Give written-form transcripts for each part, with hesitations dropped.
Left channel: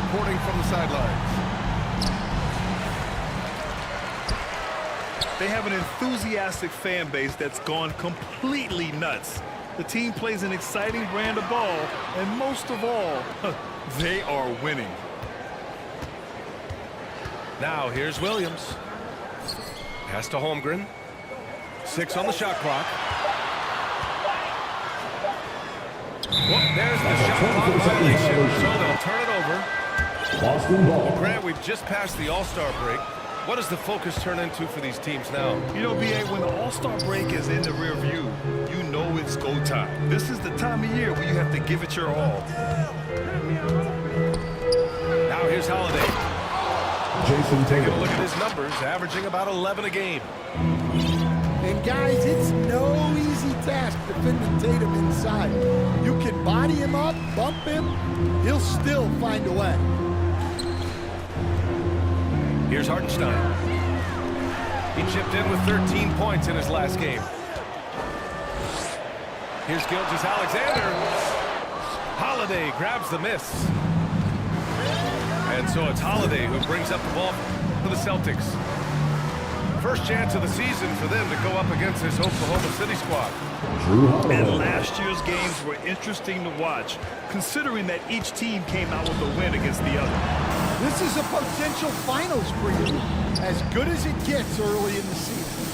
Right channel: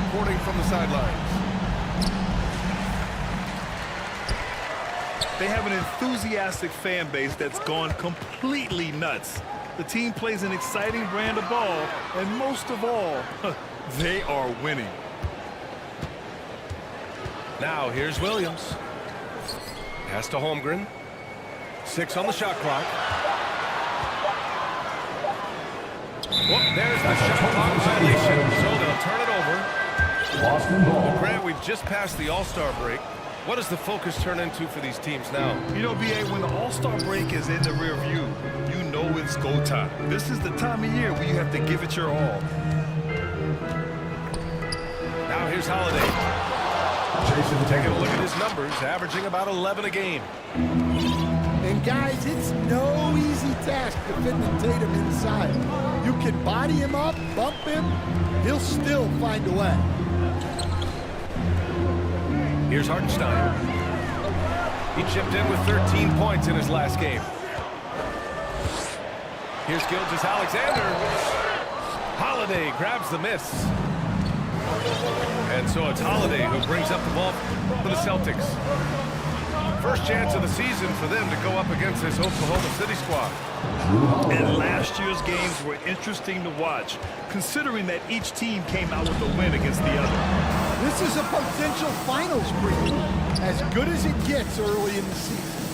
reporting from the sidelines. They have an enthusiastic fan base that's gone completely nuts. The team plays an exciting brand of ball, and most of all, they are winning. Now here's Williams. Pass to Holmgren. 6 on the shot clock. Well, there's the shot clock violation, so they'll turn it over. Boston ball. Well, Grant, we've just passed the All-Star break. What does the focus turn into for these teams now? You know, B.A., when the All-Star break is in the rear view, you know it's go time. This is the time of year where you have to give it your all. Now here's Holiday. Jason Taking Tatum. a look at his numbers, averaging about 11 a game. And guys, it's no easy task defending Tatum inside. You can body him up, bump him, he'll still find a way. Here's Hartenstein. He chipped in with 13 points in his last game. Here's Gilgeous-Alexander. Holiday grabs the miss. And so it's Holiday who brings up the ball for the Celtics. First chance of the season for them to go up against this Oklahoma City squad. And last year's games were interesting to watch, considering that each team came out with a win against the other. This is a potential finals preview, as good as it gets early in the season.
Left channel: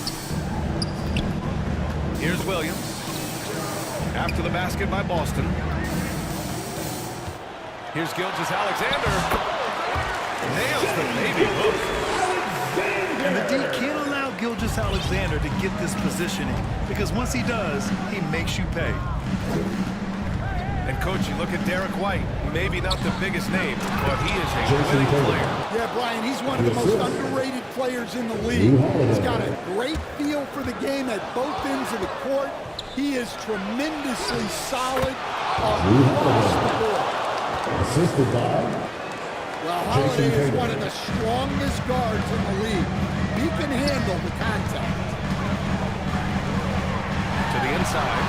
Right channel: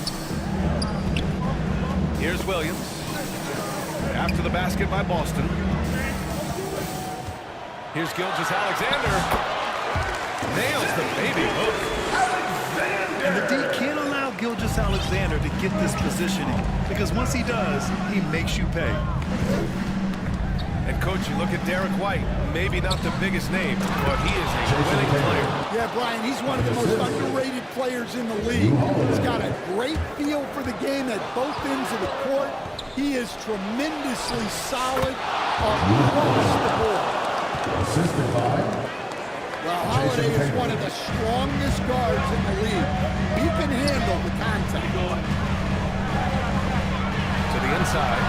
Here's Williams. After the basket by Boston. Here's Gilgeous-Alexander. Nails the baby hook. And the D can't allow Gilgeous-Alexander to get this positioning, because once he does, he makes you pay. And, Coach, you look at Derek White. Maybe not the biggest name, but he is a winning player. Yeah, Brian, he's one of the most underrated players in the league. He's got a great feel for the game at both ends of the court. He is tremendously solid across the board. Assisted by... Well, Holiday is one of the strongest guards in the league. He can handle the contact. To the inside.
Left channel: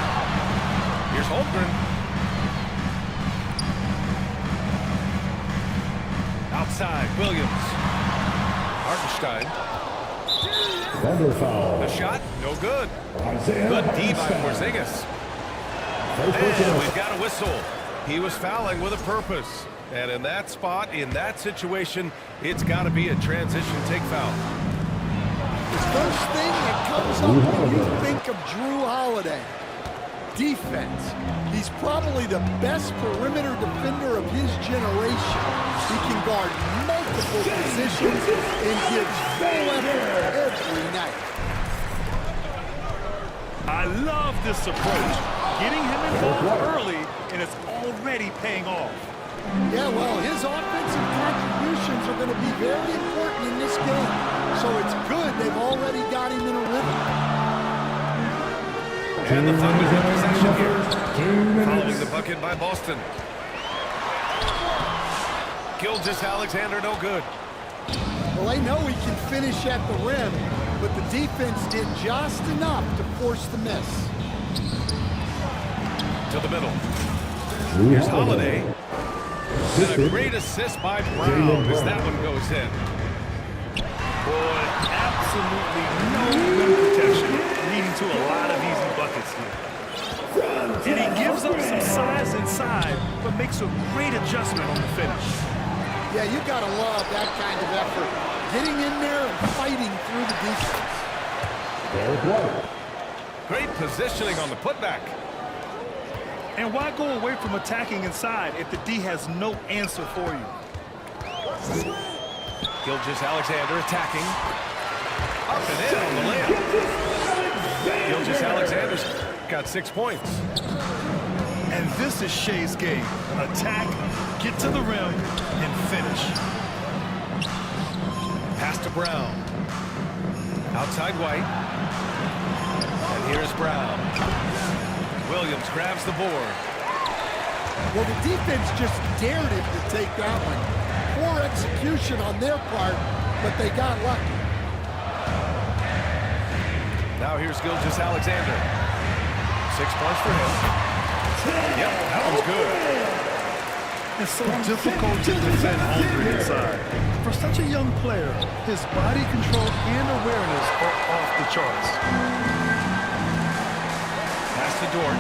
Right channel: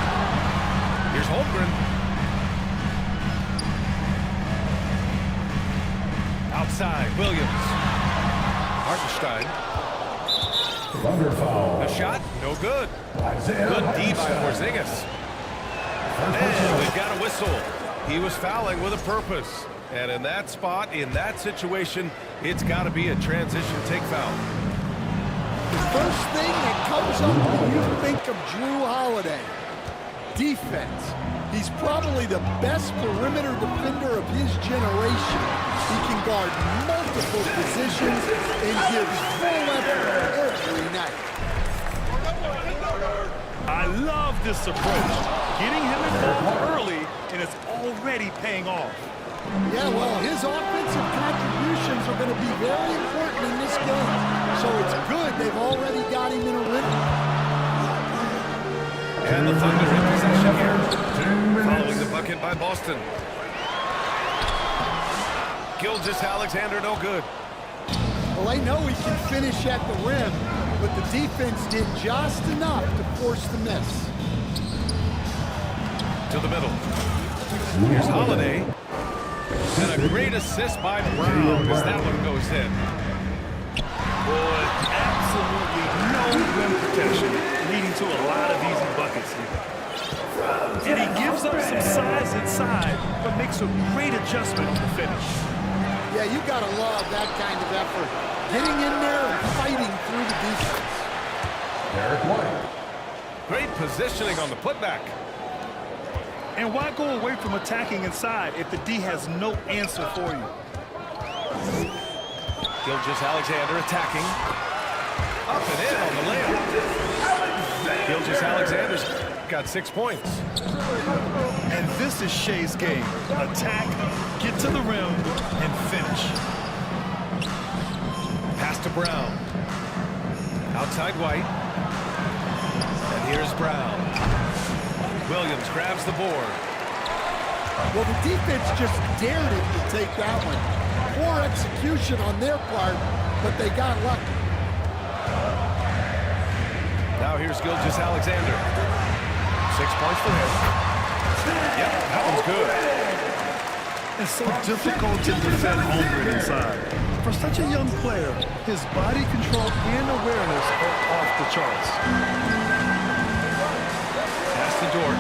Here's Holmgren. Outside, Williams. Hartenstein. Thunder foul. The shot, no good. Isaiah Good D by Hartenstein. Porzingis. First And personal. we've got a whistle. He was fouling with a purpose. And in that spot, in that situation, it's got to be a transition take foul. The first thing that comes up when you think of Drew Holiday, defense. He's probably the best perimeter defender of his generation. He can guard multiple positions and gives full effort every night. I love this approach. Getting him involved early, and it's already paying off. Yeah, well, his offensive contributions are going to be very important in this game. So it's good they've already got him in a rhythm. And the Thunder in possession here. Following the bucket by Boston. Gilgeous-Alexander, no good. Well, I know he can finish at the rim, but the defense did just enough to force the miss. To the middle. Here's Holiday. And a great assist by Brown as that one goes in. Boy, absolutely no rim protection, leading to a lot of easy buckets here. And he gives up some size inside, but makes a great adjustment on the finish. Yeah, you got to love that kind of effort. Getting in there and fighting through the defense. Derek White. Great positioning on the putback. And why go away from attacking inside if the D has no answer for you? Gilgeous-Alexander attacking. Up and in on the layup. Gilgeous-Alexander's got 6 points. And this is Shea's game. Attack, get to the rim, and finish. Pass to Brown. Outside White. And here's Brown. Williams grabs the board. Well, the defense just dared him to take that one. Poor execution on their part, but they got lucky. Now here's Gilgeous-Alexander. 6 points for him. Yep, that one's good. and so difficult to defend hungry inside. For such a young player, his body control and awareness are off the charts. Pass to Dort.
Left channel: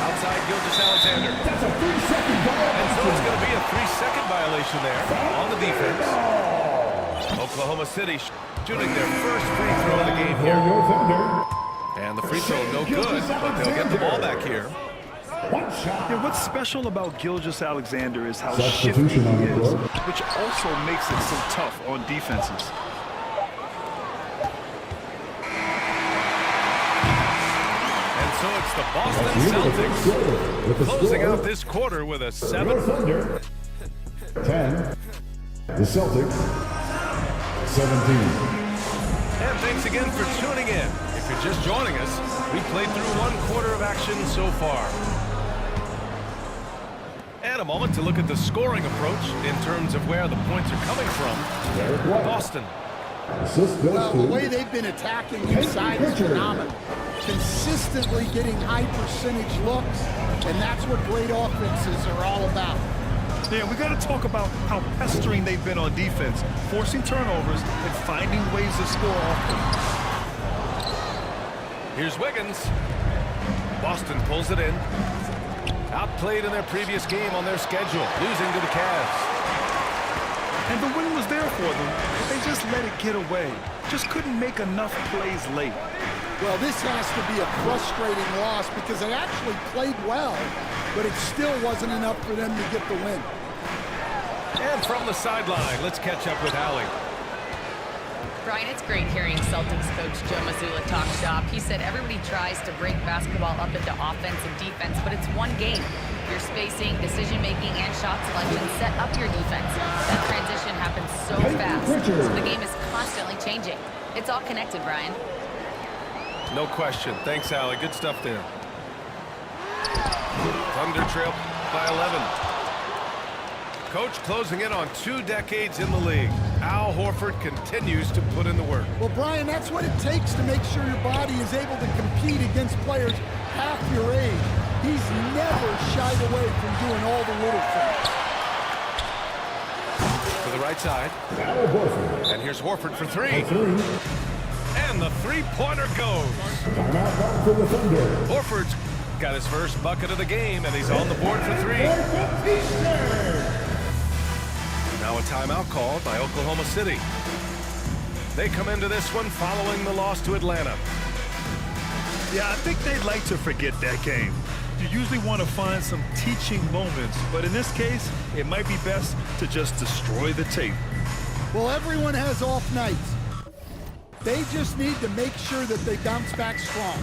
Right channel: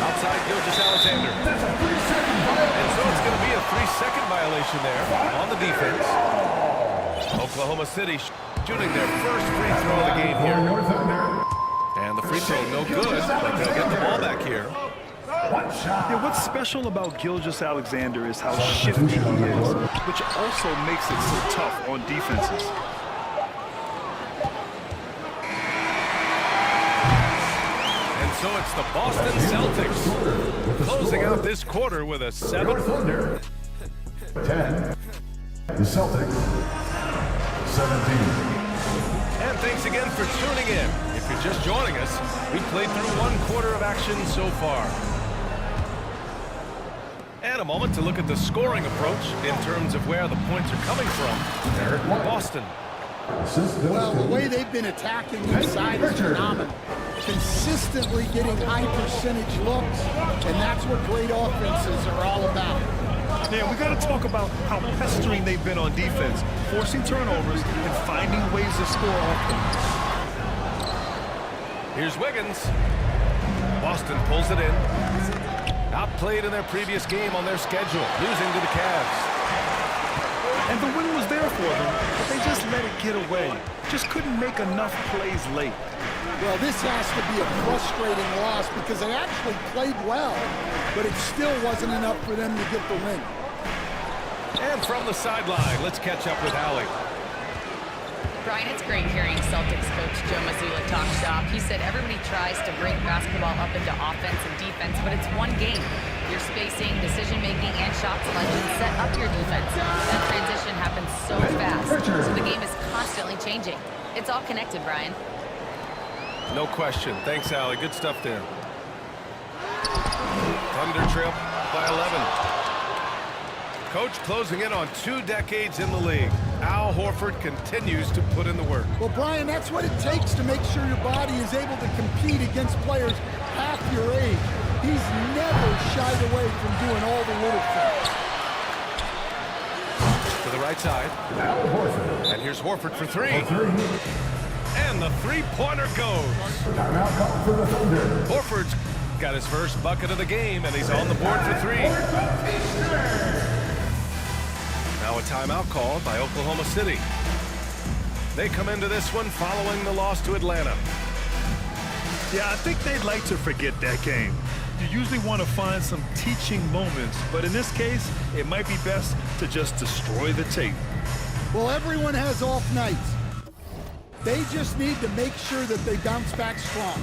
Outside Gilgeous-Alexander. That's a 3-second violation. And so it's going to be a 3-second violation there on the defense. Oklahoma City shooting their first free throw of the game For here. your Thunder. And the free throw no good, but they'll get the ball back here. One shot. Yeah, what's special about Gilgeous-Alexander is how shifty he Substitution on the is, floor. which also makes it so tough on defenses. And so it's the Boston Celtics closing out this quarter with a Your 7. Thunder. 10. The Celtics. 17. And thanks again for tuning in. If you're just joining us, we played through 1 quarter of action so far. And a moment to look at the scoring approach in terms of where the points are coming from. Derek White. Boston. Assist goes Well, to the way they've been attacking inside is phenomenal. Consistently getting high percentage looks, and that's what great offenses are all about. Yeah, we got to talk about how pestering they've been on defense, forcing turnovers and finding ways to score off them. Here's Wiggins. Boston pulls it in. Outplayed in their previous game on their schedule, losing to the Cavs. And the win was there for them, but they just let it get away. Just couldn't make enough plays late. Well, this has to be a frustrating loss because they actually played well, but it still wasn't enough for them to get the win. And from the sideline, let's catch up with Allie. Brian, it's great hearing Celtics coach Joe Mazzulla talk shop. He said everybody tries to break basketball up into offense and defense, but it's one game. Your spacing, decision-making, and shot selection set up your defense. That transition happens so fast, so the game is constantly changing. It's all connected, Brian. No question. Thanks, Allie. Good stuff there. Thunder trail by 11. Coach closing in on 2 decades in the league. Al Horford continues to put in the work. Well, Brian, that's what it takes to make sure your body is able to compete against players half your age. He's never shied away from doing all the little things. To the right side. Al Horford. And here's Horford for 3. For 3. And the 3-pointer goes. Timeout call for the Thunder. Horford's got his first bucket of the game, and he's on the board for 3. Now a timeout called by Oklahoma City. They come into this one following the loss to Atlanta. Yeah, I think they'd like to forget that game. You usually want to find some teaching moments, but in this case, it might be best to just destroy the tape. Well, everyone has off nights. They just need to make sure that they bounce back strong.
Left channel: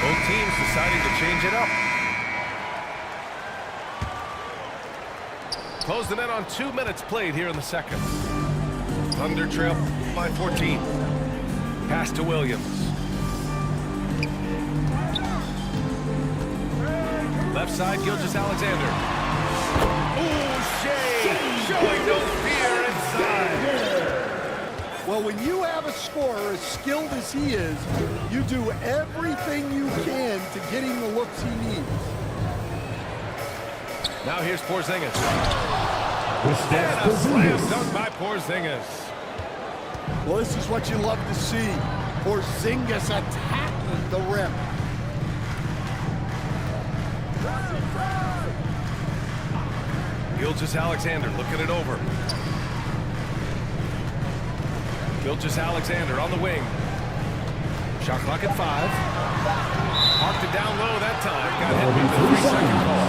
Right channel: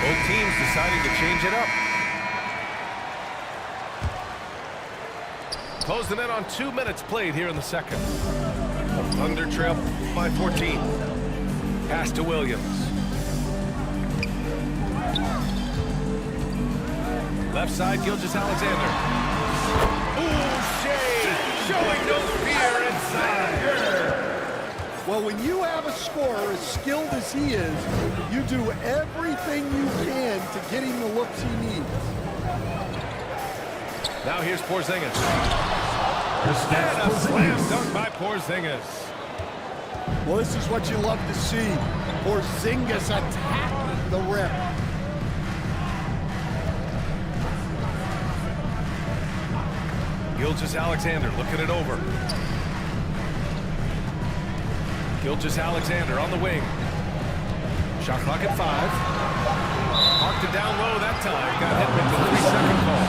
Both teams deciding to change it up. Close them in on 2 minutes played here in the second. Thunder trail by 14. Pass to Williams. Left side, Gilgeous-Alexander. Ooh, Shea showing no fear inside. Well, when you have a scorer as skilled as he is, you do everything you can to get him the looks he needs. Now here's Porzingis. And a slam dunk by Porzingis. Well, this is what you love to see. Porzingis attacking the rim. Gilgeous-Alexander looking it over. Gilgeous-Alexander on the wing. Shot clock at 5. Parked it down low that time. Got hit with the 3-second call.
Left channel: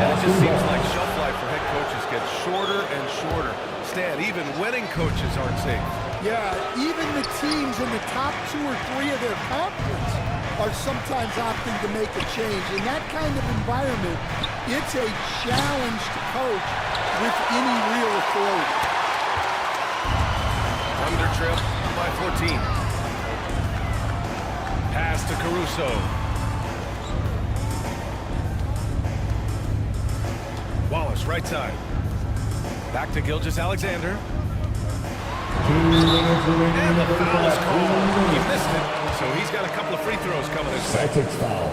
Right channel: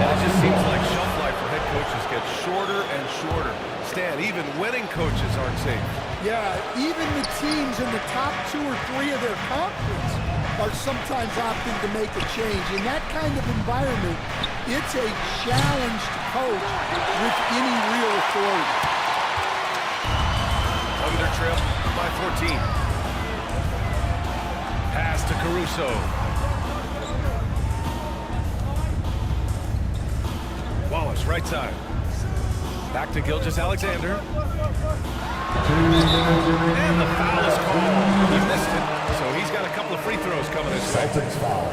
And it just seems like shelf life for head coaches gets shorter and shorter. Stan, even winning coaches aren't safe. Yeah, even the teams in the top 2 or 3 of their conference are sometimes opting to make a change. In that kind of environment, it's a challenge to coach with any real authority. Thunder trail by 14. Pass to Caruso. Wallace, right side. Back to Gilgeous-Alexander. 2 minutes remaining. And the foul is called. He missed it, so he's got a couple of free throws coming his way. Celtics foul.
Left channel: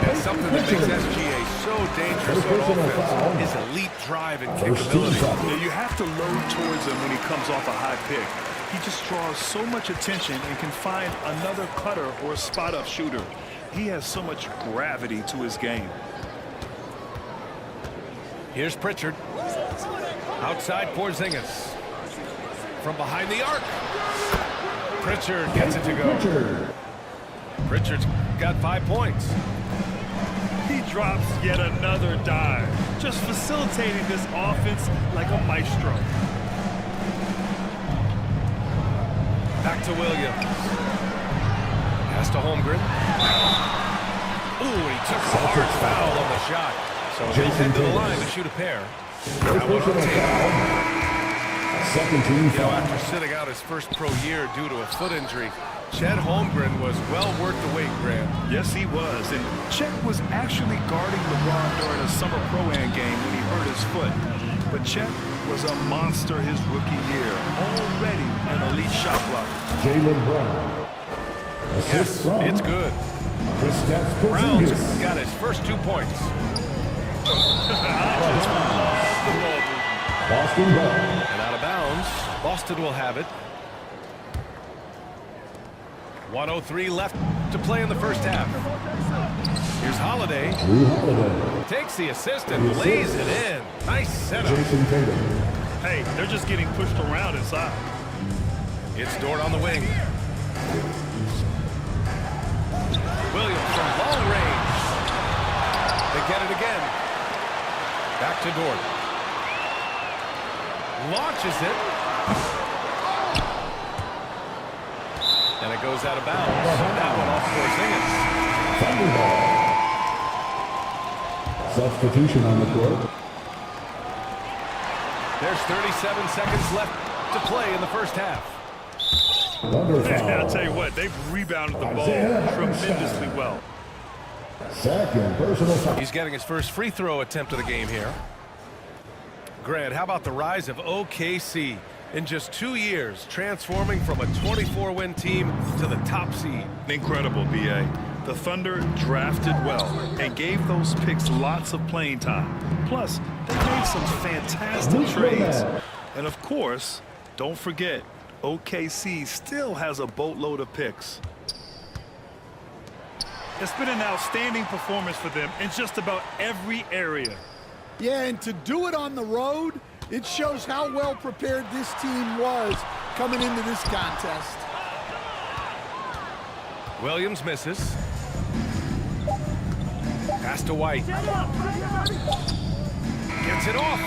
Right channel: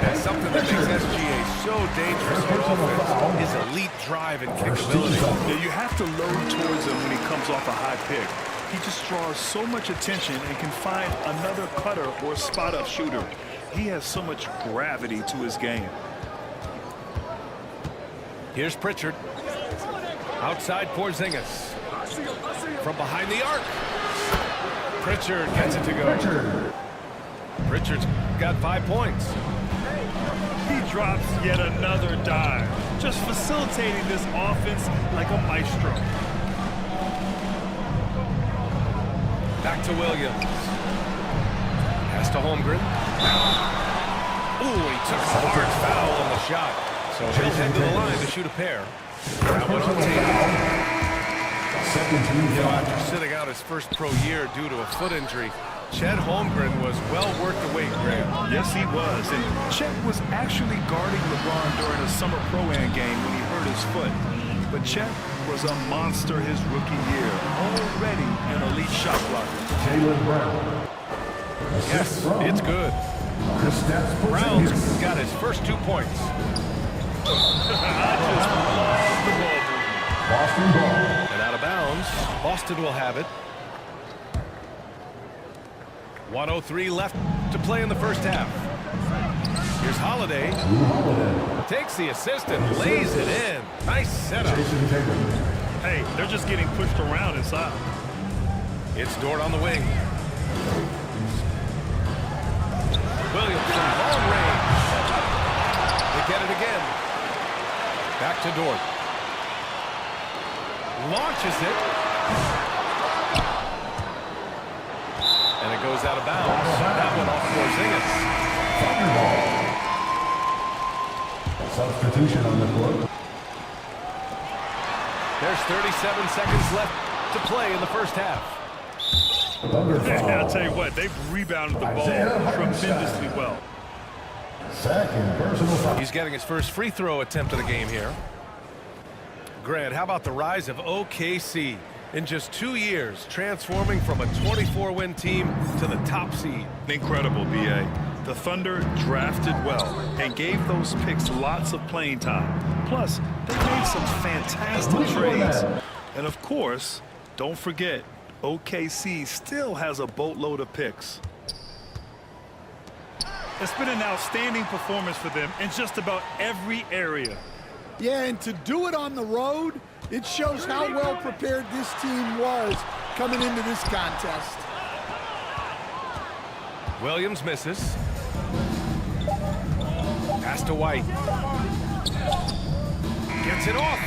And something that makes SGA so dangerous on offense, his elite drive and kickability. Yeah, you have to load towards him when he comes off a high pick. He just draws so much attention and can find another cutter or spot-up shooter. He has so much gravity to his game. Here's Pritchard. Outside Porzingis. From behind the arc. Pritchard gets it to go. Pritchard's got 5 points. He drops yet another dive, just facilitating this offense like a maestro. Back to Williams. Pass to Holmgren. Ooh, he took a hard foul on the shot. So he'll head to the line to shoot a pair. That one on Tatum. You know, after sitting out his first pro year due to a foot injury, Chet Holmgren was well worth the wait, Grant. Yes, he was. And Chet was actually guarding LeBron during a summer pro-am game when he hurt his foot. But Chet was a monster his rookie year, already an elite shot blocker. Jaylen Brown. Yes, it's good. Brown's got his first 2 points. I just love the ball movement. Boston ball. And out of bounds, Boston will have it. 1:03 left to play in the first half. Here's Holiday. Drew Holiday. Takes the assist and lays it in. Nice setup. Jason Tatum. Hey, they're just getting pushed around inside. It's Dort on the wing. Williams from long range. They get it again. Back to Dort. Launches it. And it goes out of bounds. That one off Porzingis. Thunderball. Substitution on the court. There's 37 seconds left to play in the first half. I'll tell you what, they've rebounded the ball tremendously well. Second personal foul. He's getting his first free throw attempt of the game here. Grant, how about the rise of OKC? In just 2 years, transforming from a 24-win team to the top seed. Incredible, B.A. The Thunder drafted well and gave those picks lots of playing time. Plus, they made some fantastic trades. And of course, don't forget, OKC still has a boatload of picks. It's been an outstanding performance for them in just about every area. Yeah, and to do it on the road, it shows how well prepared this team was coming into this contest. Williams misses. Pass to White. Gets it off.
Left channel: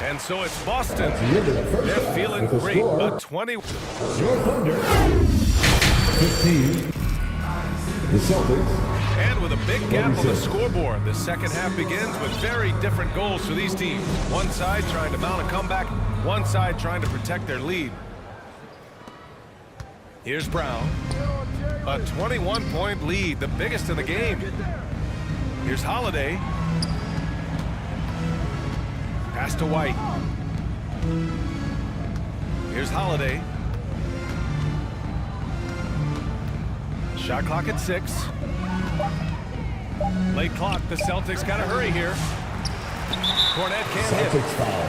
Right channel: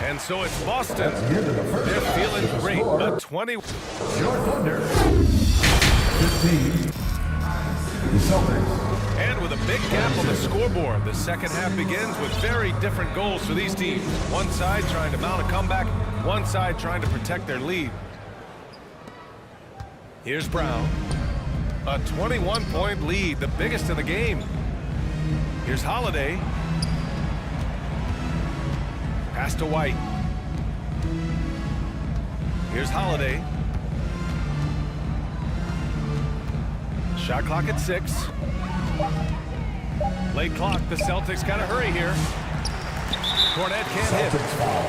And so it's Boston. They're feeling great. A 20. Your Thunder. 15. The Celtics. And with a big gap on the scoreboard, the second half begins with very different goals for these teams. One side trying to mount a comeback, one side trying to protect their lead. Here's Brown. A 21-point lead, the biggest in the game. Here's Holiday. Pass to White. Here's Holiday. Shot clock at 6. Late clock, the Celtics got to hurry here. Cornet can't hit. Celtics foul.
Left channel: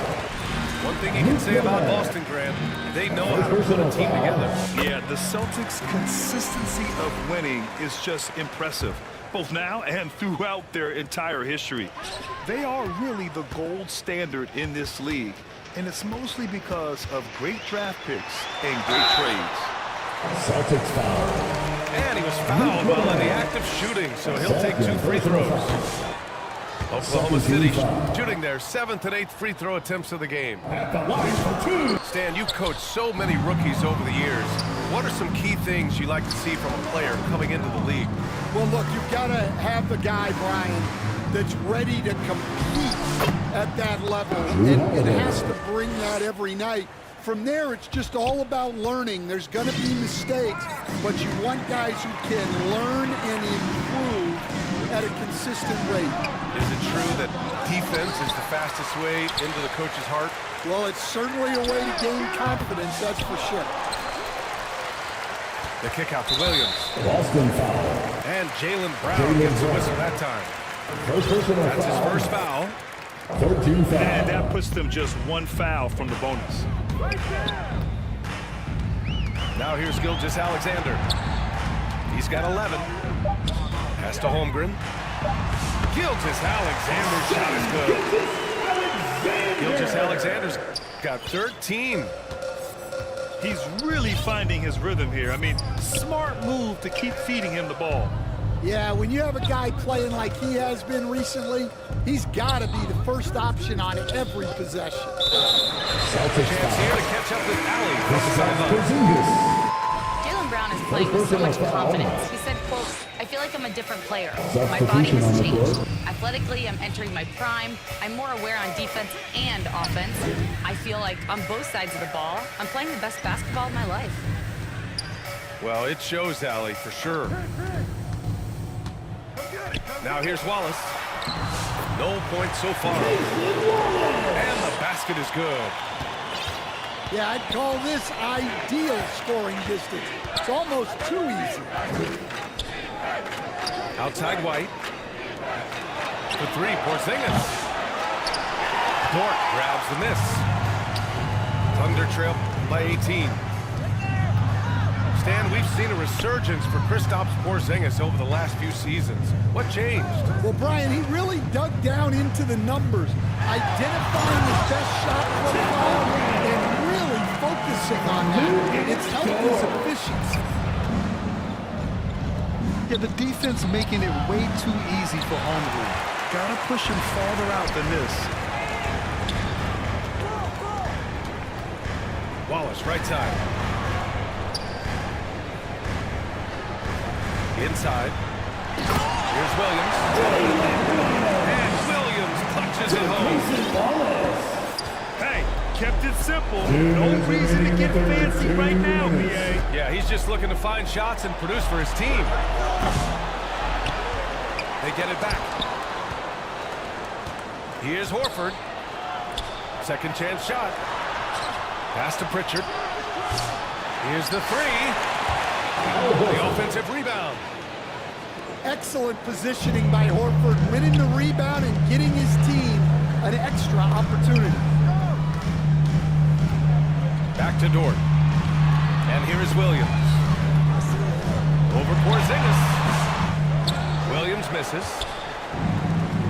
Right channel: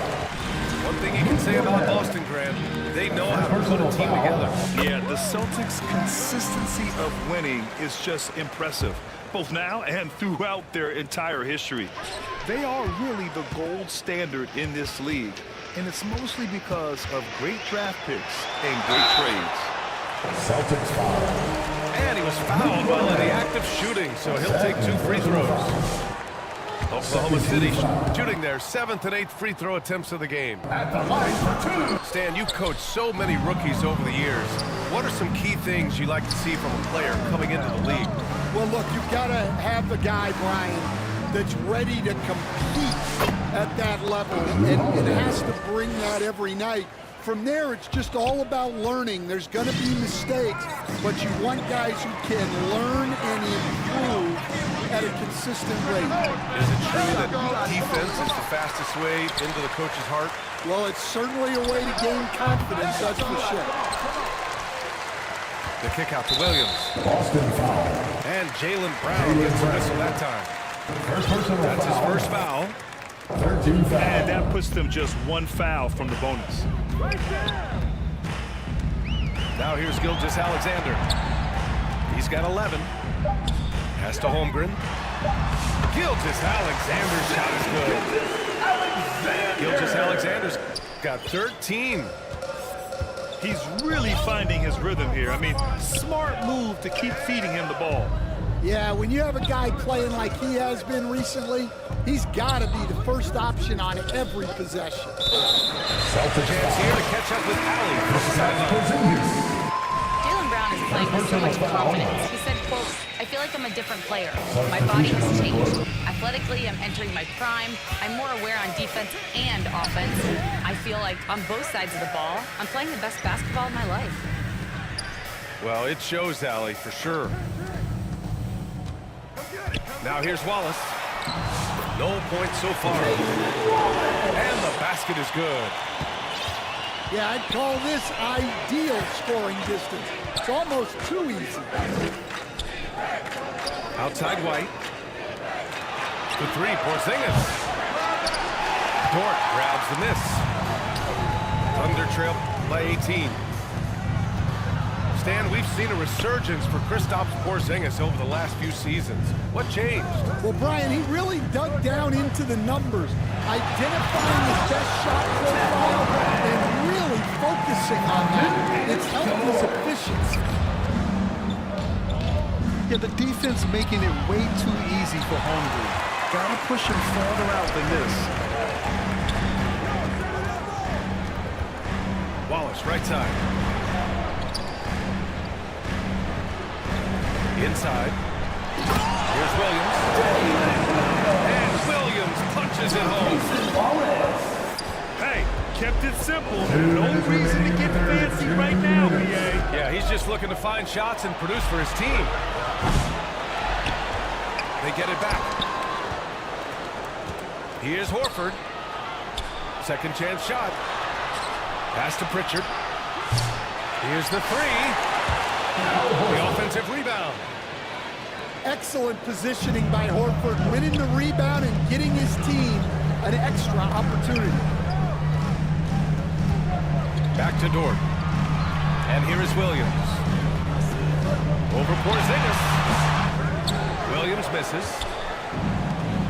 One thing you can say about Boston, Grant, they know how to put a team together. Yeah, the Celtics' consistency of winning is just impressive, both now and throughout their entire history. They are really the gold standard in this league, and it's mostly because of great draft picks and great trades. Celtics foul. And he was fouled while in the act of shooting, so he'll take 2 free throws. Oklahoma City shooting their 7th and 8th free throw attempts of the game. At the line for 2. Stan, you coached so many rookies over the years. What are some key things you like to see from a player coming into the league? Well, look, you've got to have the guy, Brian, that's ready to compete at that level and has to bring that every night. From there, it's just all about learning. There's going to be mistakes, but you want guys who can learn and improve at a consistent rate. Is it true that defense is the fastest way into the coach's heart? Well, it's certainly a way to gain confidence, that's for sure. The kick out to Williams. Boston foul. And Jaylen Brown gets a whistle that time. First personal That's foul. his first foul. 13 foul. And that puts them just 1 foul from the bonus. Now here's Gilgeous-Alexander. He's got 11. Pass to Holmgren. Gilgeous-Alexander's shot is good. Gilgeous-Alexander's got 13. He's really finding his rhythm here. I mean, smart move to keep feeding him the ball. Yeah, when you have a guy playing like he has been recently, he's got to be the first option on every possession. Celtics Chance here to catch up with Allie from the sideline. Porzingis. Jaylen Brown is playing with so much confidence. He said, quote, "I feel like I'm a different player. My body Substitution on has the changed. court. Athletically, I'm entering my prime. I'm more aware on defense and offense. I feel like on both sides of the ball, I'm playing the best basketball of my life." Well, it shows, Allie, for sure. Now here's Wallace. No points so far. And the basket is good. Yeah, I'd call this ideal scoring distance. It's almost too easy. Outside White. For 3, Porzingis. Dort grabs the miss. Thunder trail by 18. Stan, we've seen a resurgence for Kristaps Porzingis over the last few seasons. What changed? Well, Brian, he really dug down into the numbers, identifying his best shot profile and really focusing on that. It's helped his efficiency. Yeah, the defense making it way too easy for Holmgren. Gotta push him farther out than this. Wallace, right side. Inside. Here's Williams. And Williams punches it home. Hey, kept it simple. No reason to get fancy right now, BA. Yeah, he's just looking to find shots and produce for his team. They get it back. Here's Horford. Second chance shot. Pass to Pritchard. Here's the 3. The offensive rebound. Excellent positioning by Horford, winning the rebound and getting his team an extra opportunity. Back to Dort. And here is Williams. Over Porzingis. Williams misses.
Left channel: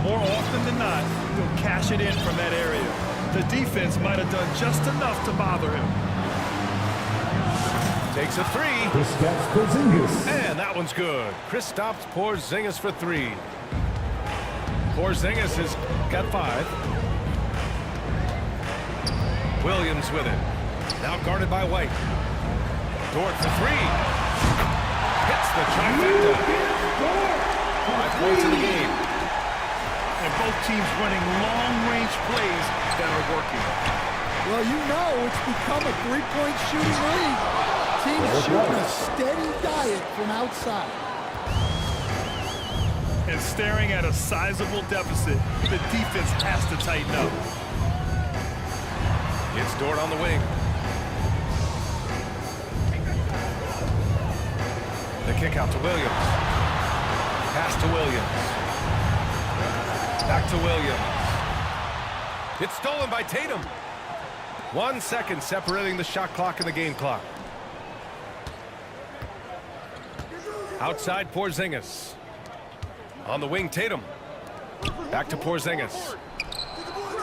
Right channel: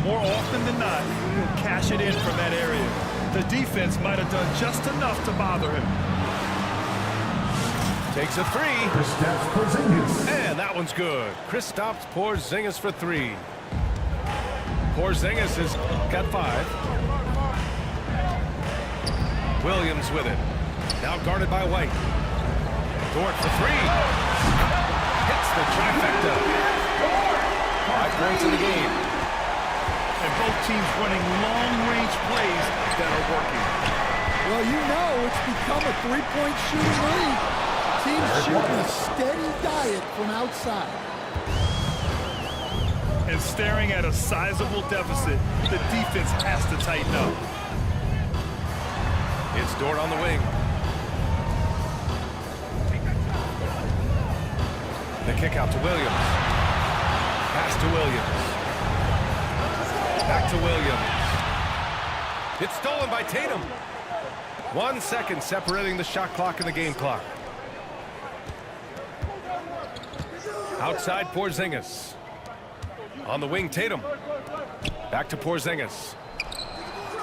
More often than not, he'll cash it in from that area. The defense might have done just enough to bother him. Takes a 3. Kristaps Porzingis. And that one's good. Kristaps Porzingis for 3. Porzingis has got 5. Williams with it. Now guarded by White. Dort for 3. Hits the trifecta. 5 points in the game. And both teams running long-range plays that are working. Well, you know it's become a three-point shooting league. Teams shooting a steady diet from outside. And staring at a sizable deficit, the defense has to tighten up. It's Dort on the wing. The kick out to Williams. Pass to Williams. Back to Williams. It's stolen by Tatum. 1 second separating the shot clock and the game clock. Outside Porzingis. On the wing, Tatum. Back to Porzingis.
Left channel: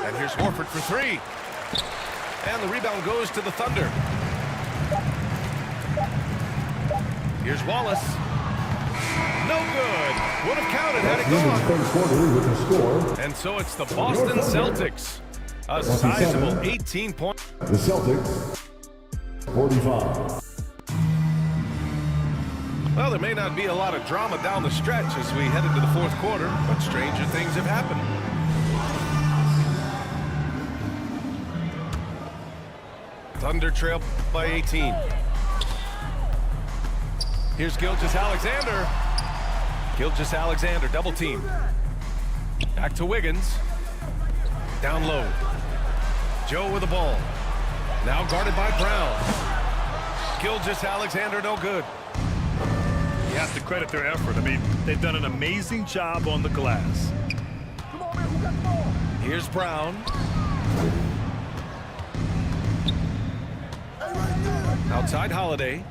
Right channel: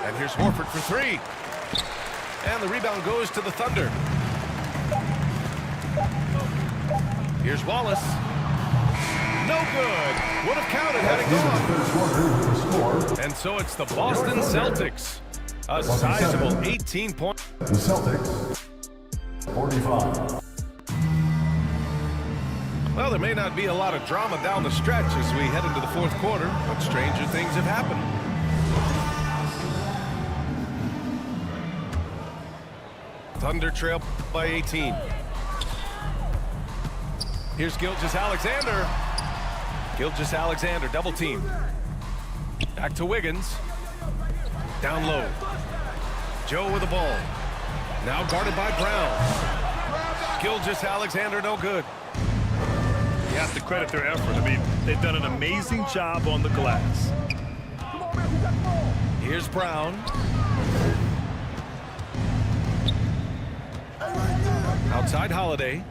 And here's Horford for three. And the rebound goes to the Thunder. Here's Wallace. No good. Would have counted had it gone. And so it's the Boston Celtics. A sizable 18 points. The Celtics, 45. Well, there may not be a lot of drama down the stretch as we head into the fourth quarter, but stranger things have happened. Thunder trail by 18. Here's Gilgeous-Alexander. Gilgeous-Alexander double team. Back to Wiggins. Down low. Joe with the ball. Now guarded by Brown. Gilgeous-Alexander no good. You have to credit their effort. I mean, they've done an amazing job on the glass. Here's Brown. Outside Holiday.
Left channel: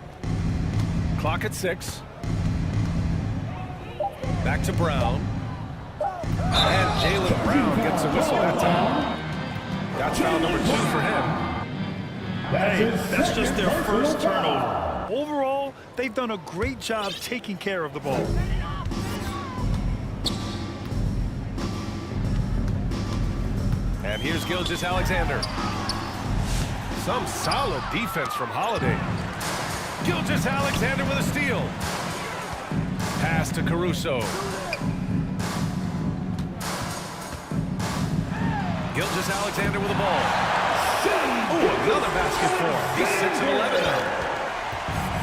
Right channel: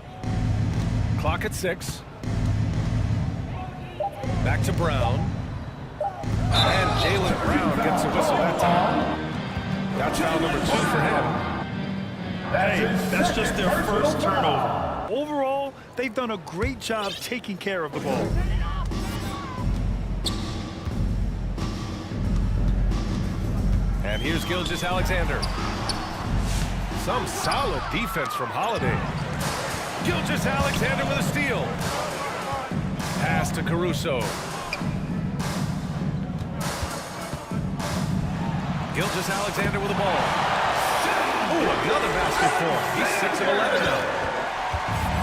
Clock at 6. Back to Brown. And Jaylen Brown gets a whistle that time. That's foul number 2 for him. Hey, that's just their first turnover. Overall, they've done a great job taking care of the ball. And here's Gilgeous-Alexander. Some solid defense from Holiday. Gilgeous-Alexander with a steal. Pass to Caruso. Gilgeous-Alexander with the ball. Oh, another basket for him. He's 6 of 11 now.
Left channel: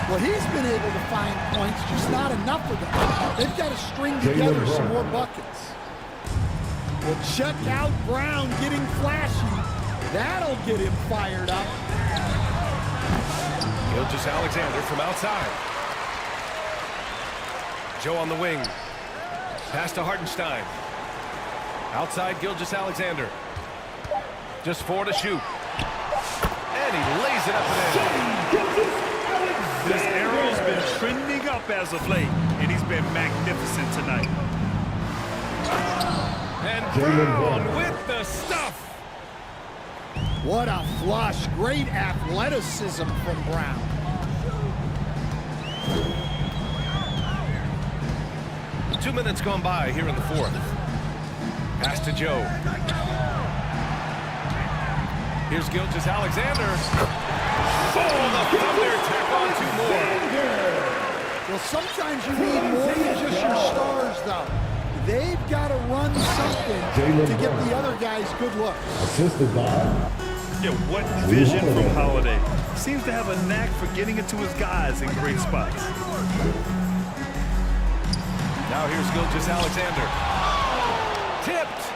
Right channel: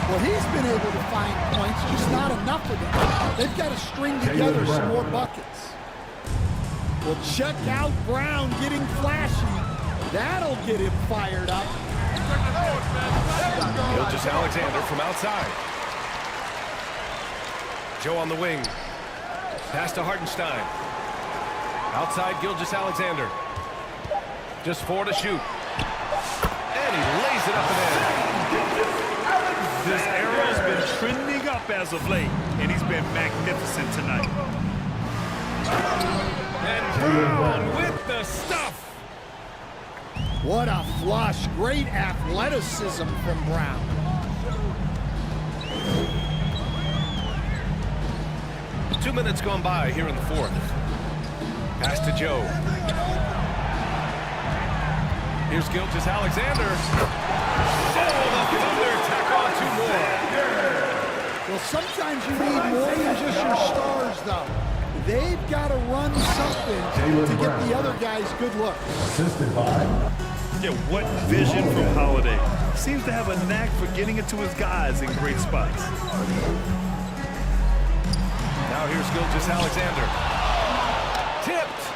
Well, he's been able to find points, just not enough of them. They've got to string together some more buckets. Well, check out Brown getting flashy. That'll get him fired up. Gilgeous-Alexander from outside. Joe on the wing. Pass to Hartenstein. Outside Gilgeous-Alexander. Just 4 to shoot. And he lays it up and in. This arrow's been trending up as of late, and he's been magnificent tonight. And Brown with the stuff. What a flush. Great athleticism from Brown. Two minutes gone by here in the fourth. Pass to Joe. Here's Gilgeous-Alexander. Oh, the Thunder tack on 2 more. Well, sometimes you need more than just your stars, though. They've got to run something to get the other guys good looks. Assisted by... Yeah, what vision from Holiday. Seems to have a knack for getting it to his guys in great spots. Now here's Gilgeous-Alexander. Tipped.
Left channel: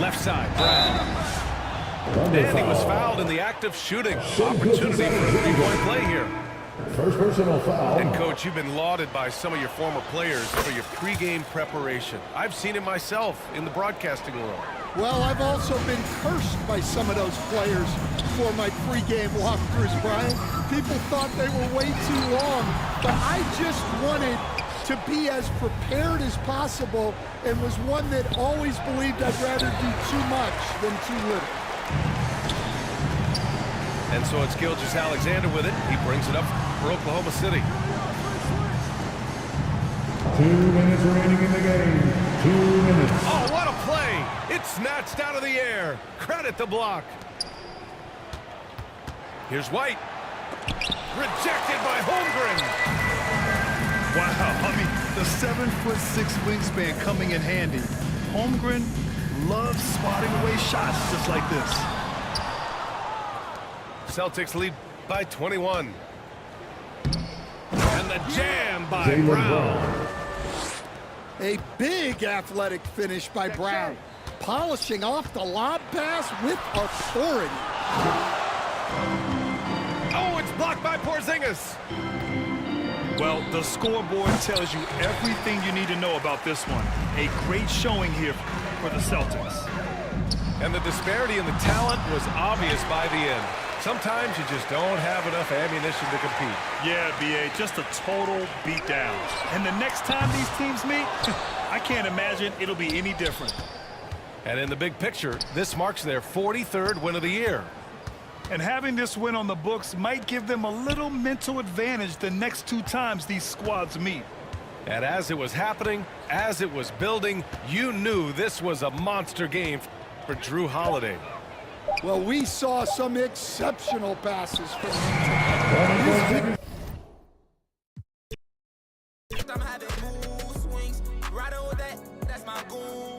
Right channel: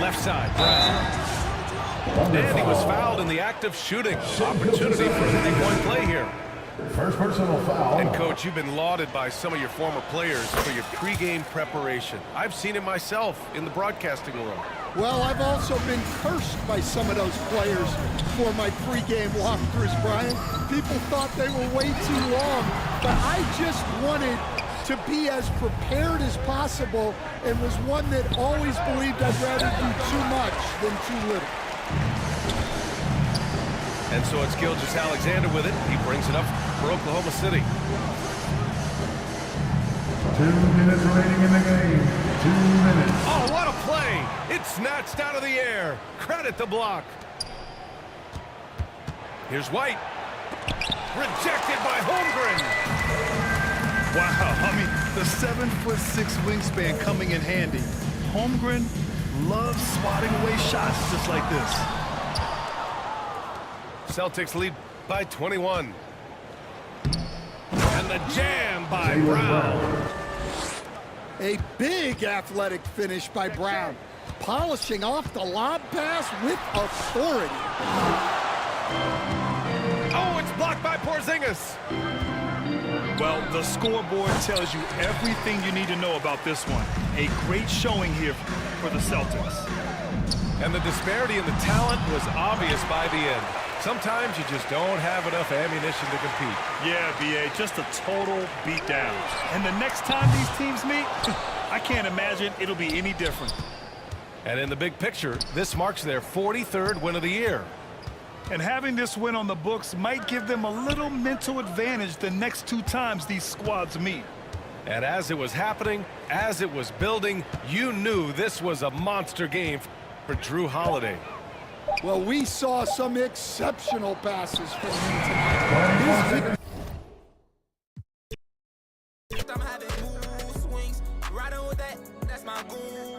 Left side, Brown. And he was fouled in the act of shooting. Opportunity for a 3-point play here. First personal foul. And, Coach, you've been lauded by some of your former players for your pregame preparation. I've seen it myself in the broadcasting room. Well, I've also been cursed by some of those players for my pregame walkthroughs, Brian. People thought they were way too long, but I just wanted to be as prepared as possible and was one that always believed I'd rather do too much than too little. And so it's Gilgeous-Alexander with it. He brings it up for Oklahoma City. 2 minutes remaining in the game. 2 minutes. Oh, what a play! It's snatched out of the air. Credit the block. Here's White. Rejected by Holmgren. Wow, I mean, the 7'6" wingspan coming in handy. Holmgren loves swatting away shots just like this. Celtics lead by 21. And the jam by Brown. A big athletic finish by Brown, polishing off the lob pass with authority. Oh, it's blocked by Porzingis. Well, the scoreboard tells you everything you need to know about this one. A great showing here for the Celtics. And the disparity in the talent was obvious by the end. Sometimes you just don't have enough ammunition to compete. Yeah, B.A., just a total beatdown. And the next time these teams meet, I can't imagine it'll be any different. And in the big picture, this marks their 43rd win of the year. And having this win on the books might give them a little mental advantage the next 2 times these squads meet. And as it was happening, as it was building, you knew this was a monster game for Jrue Holiday. Well, we saw some exceptional passes from him tonight. I'm having mood swings, riding with that, that's my goon.